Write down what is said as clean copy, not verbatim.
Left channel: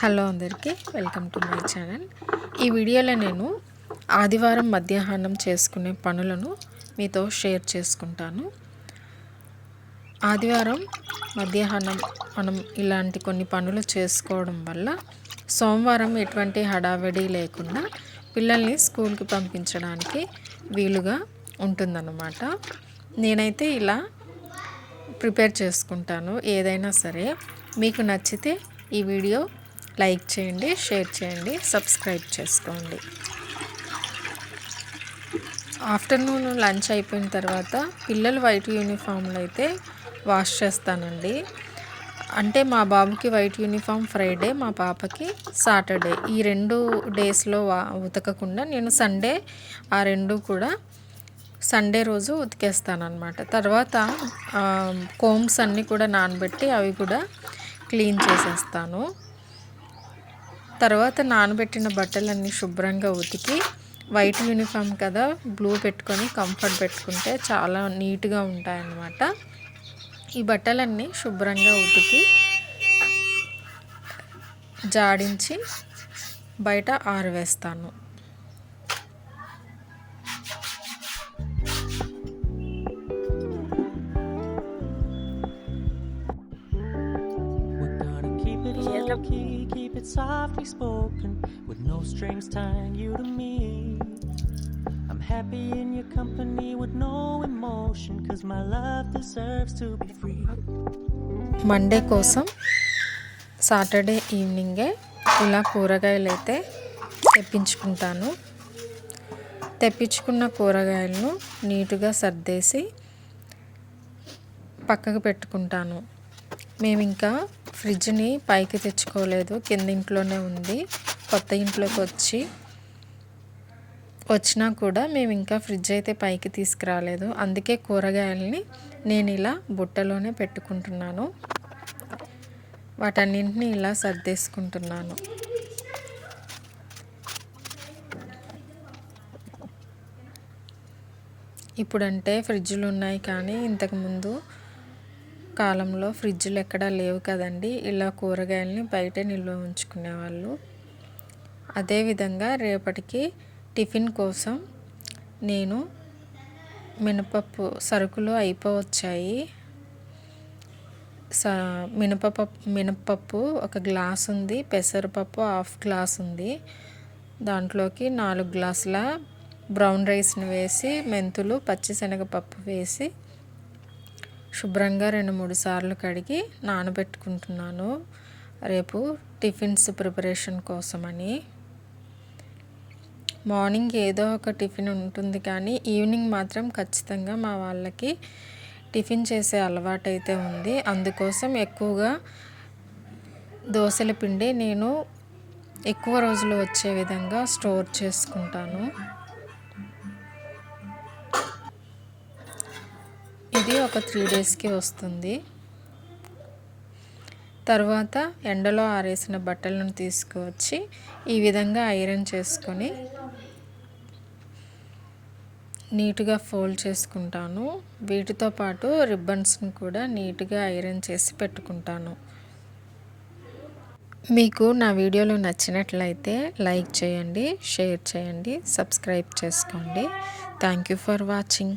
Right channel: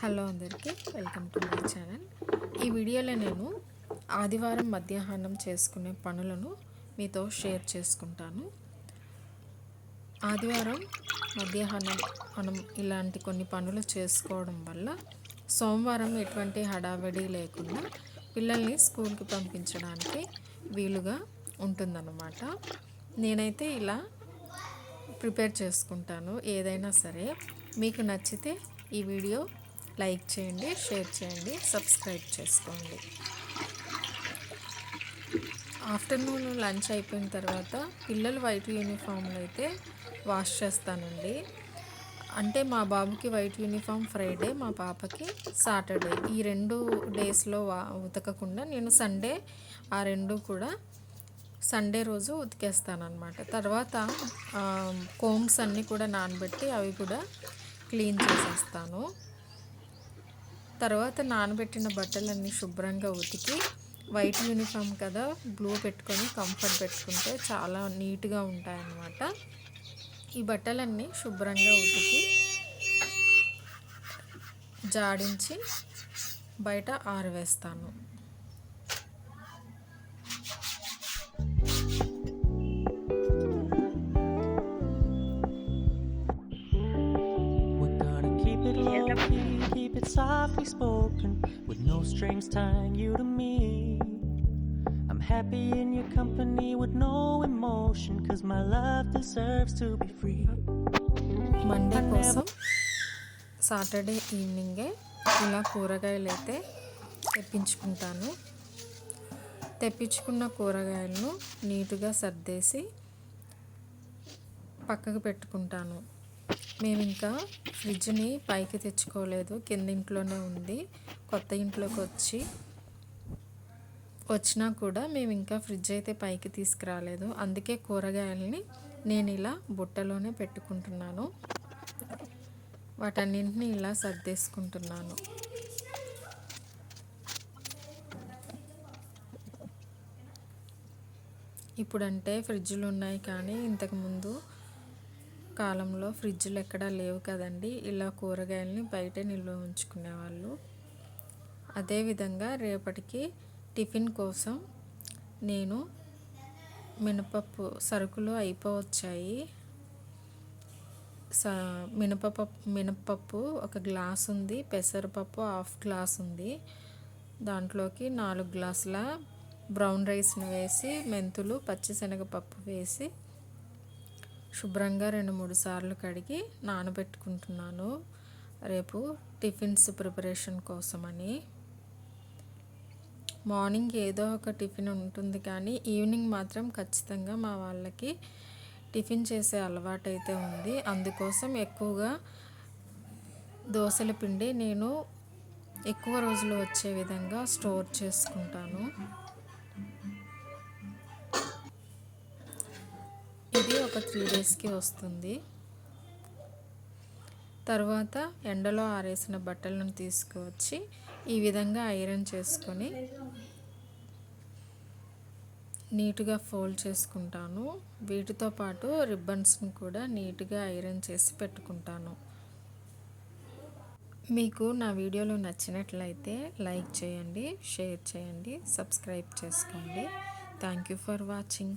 Hello అందరికీ welcome to my channel. ఈ వీడియోలో నేను ఆదివారం మధ్యాహ్నం చేసుకునే పనులను మీతో షేర్ చేసుకుంటాను. ఆదివారం మధ్యాహ్నం మనం ఇలాంటి కొన్ని పనులు చేసుకోవడం వల్ల సోమవారం ఎటువంటి హడావిడి లేకుండా పిల్లల్ని స్కూల్కి పంపించడానికి వీలుగా ఉంటుందన్నమాట. నేనైతే ఇలా ప్రిపేర్ చేసుకుంటాను ఏదైనా సరే. మీకు నచ్చితే ఈ వీడియో లైక్ చేయండి, షేర్ చేయండి, సబ్స్క్రైబ్ చేసుకోండి. ఆఫ్టర్నూన్ లంచ్ అయిపోయిన తర్వాత పిల్లల వైట్ యూనిఫామ్లు అయితే వాష్ చేస్తానండి. అంటే మా బాబుకి వైట్ యూనిఫామ్ ఫ్రైడే, మా పాపకి సాటర్డే. ఈ 2 డేస్లో ఉతకకుండా నేను సండే ఆ 2 కూడా సండే రోజు ఉతికేస్తానమాట. తర్వాత కోమ్స్ అన్నీ కూడా నానబెట్టి అవి కూడా క్లీన్ చేసేస్తాను. తర్వాత నానబెట్టిన బట్టలన్నీ శుభ్రంగా ఉతికి వైట్ యూనిఫామ్ కదా, బ్లూ పెట్టుకొని కంఫర్ట్ పెట్టుకుంటే చాలా నీట్గా ఉంటాయన్నమాట. ఈ బట్టలన్నీ శుభ్రంగా ఉతికి జాడించి బయట ఆరవేస్తాను. Keep it softly spoken with no strings tying you to me. I'm happy in your company with no emotion, 'cause my love deserves to be free. Monday కోసం సాటర్డే ఈవినింగే ఇలా కూరగాయలు అయితే తెప్పించుకుంటాను. తెప్పించుకున్న కూరగాయలను నీట్గా సర్దేసి పక్కకు పెట్టుకుంటాను. మేము ఇంకా ఫ్రిడ్జ్ని పైకి తెచ్చుకోలేదు, కింద ఇంట్లోనే ఉంది. కొత్త ఇంట్లోకి వచ్చినా కూడా మేము ఇంకా ఫ్రిడ్జ్ అయితే పైకి తీసుకురాలేదు. అందుకే కూరగాయలని నేను ఇలా బుట్టలోనే పెట్టుకుంటున్నాను. వాటన్నింటినీ ఇలా సర్దేసుకుంటున్నాను. ఇప్పుడంటే ఫ్రిడ్జ్లు ఉన్నాయి, కానీ ఇంతకుముందు కాలంలో ఫ్రిడ్జ్లు ఎక్కడా లేవు కదండి. ఇలా కూరగాయలని బయటే నిల్వ ఉంచుకునేవాళ్ళు. అదేవిధంగా రేపటికి టిఫిన్ కోసం నేను మినపప్పు సరుకులు అయిపోవచ్చాయి. మినపప్పు 1 గ్లాస్ ఉంది, పెసరపప్పు 1/2 గ్లాస్ ఉంది. దాంట్లోకి 4 గ్లాసుల బ్రౌన్ రైస్ని వేసి, మెంతులు, పచ్చిశనగపప్పు వేసి శుభ్రంగా 2-3 సార్లు కడిగి నానబెట్టుకుంటున్నాను, రేపు టిఫిన్స్ ప్రిపరేషన్ కోసమని. మార్నింగ్ ఏదో ఒక టిఫిన్ ఉంటుంది, కానీ ఈవినింగ్ మాత్రం ఖచ్చితంగా మా వాళ్ళకి టిఫిన్ చేసే అలవాటు అయితే ఉంది. అందుకోసం ఎక్కువగా దోశల పిండి నేను ఎక్కువ రోజులు వచ్చే విధంగా స్టోర్ చేసుకుంటాను. ఇది ఒక 3 డేస్కి వస్తుంది. తర్వాత ఎండలో ఆరేసిన బట్టలను తీసుకువచ్చి ఈ విధంగా ఐరన్ చేసుకొని నీట్గా ఫోల్డ్ చేసుకుంటాను. వీటితో పాటు రిబ్బన్స్ని కూడా నీట్గా ఐరన్ చేసి పెట్టుకుంటాను. మీకు నా వీడియోలు నచ్చినట్లయితే లైక్ చేయండి, షేర్ చేయండి, సబ్స్క్రైబ్ చేసుకోండి. Thank you for watching.